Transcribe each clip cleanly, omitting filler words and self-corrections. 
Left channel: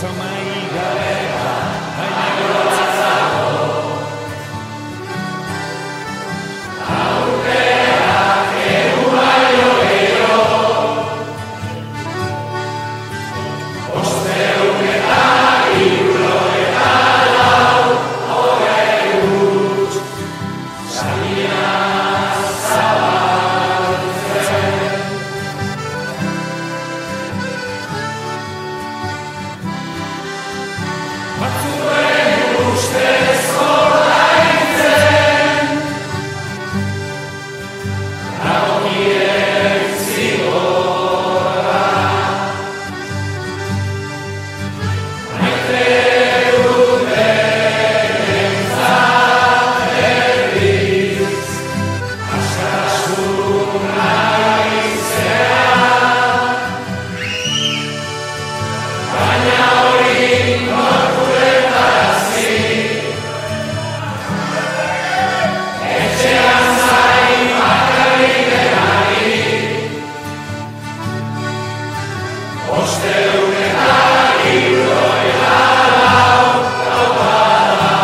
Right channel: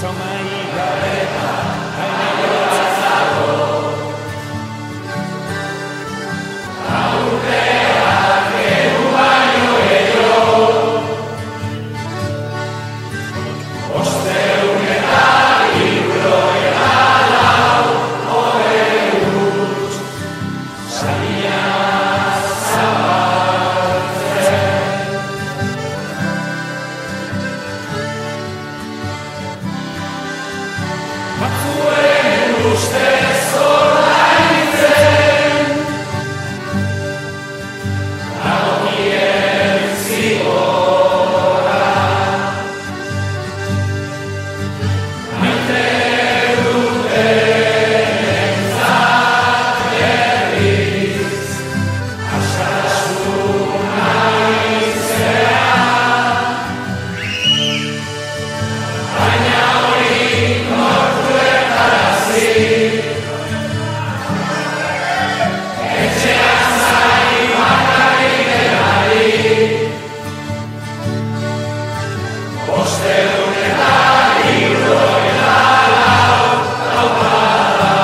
Zomai gabe Hainegotzago Aurteak eru baino Osteun eta hirurogeita lau Horreut Salia zabaltzen Batzuen ustez ordaintzen Dagokien zigorra Maite dutenentzat berriz Askatasun haitzea Baina hori etxean zain bakarrik denari Osteun eta hirurogeita lau taupada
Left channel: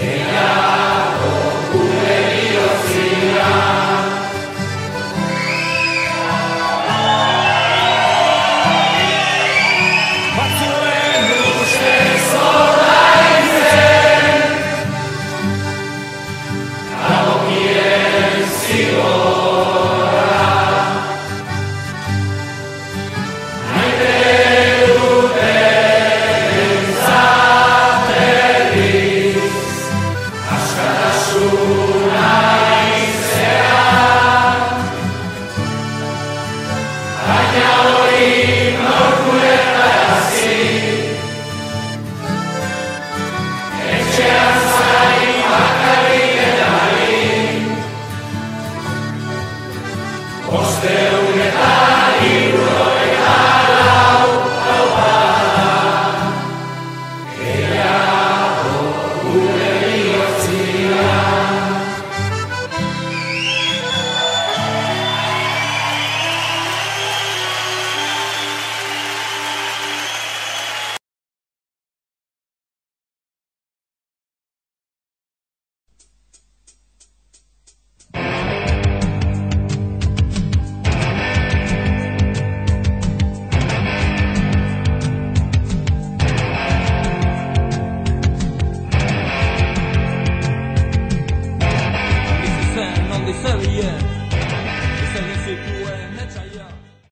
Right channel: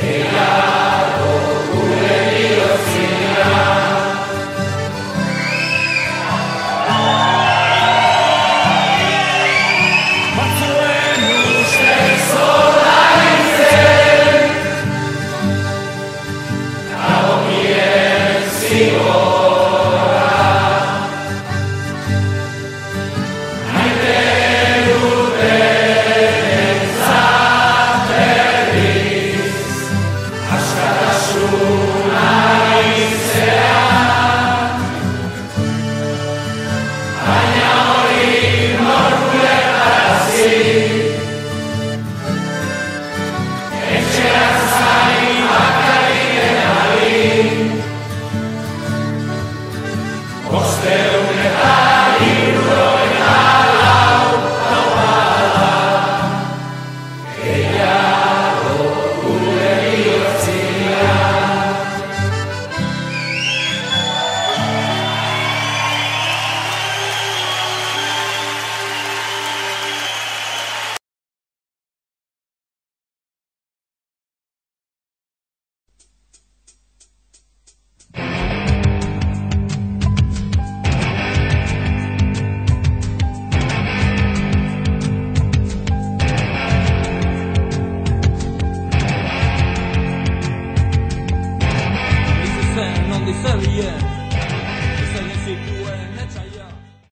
gehiago gure bihotzian Batzuen ustez ordaintzen Dagokien zigorra Maite dutenentzat berriz Askatasun haitzea Baina hori nork ulertarazi Etxean zain bakarrik denari Osteun eta hirurogeita lau taupada gehiago gure bihotzian Non di serie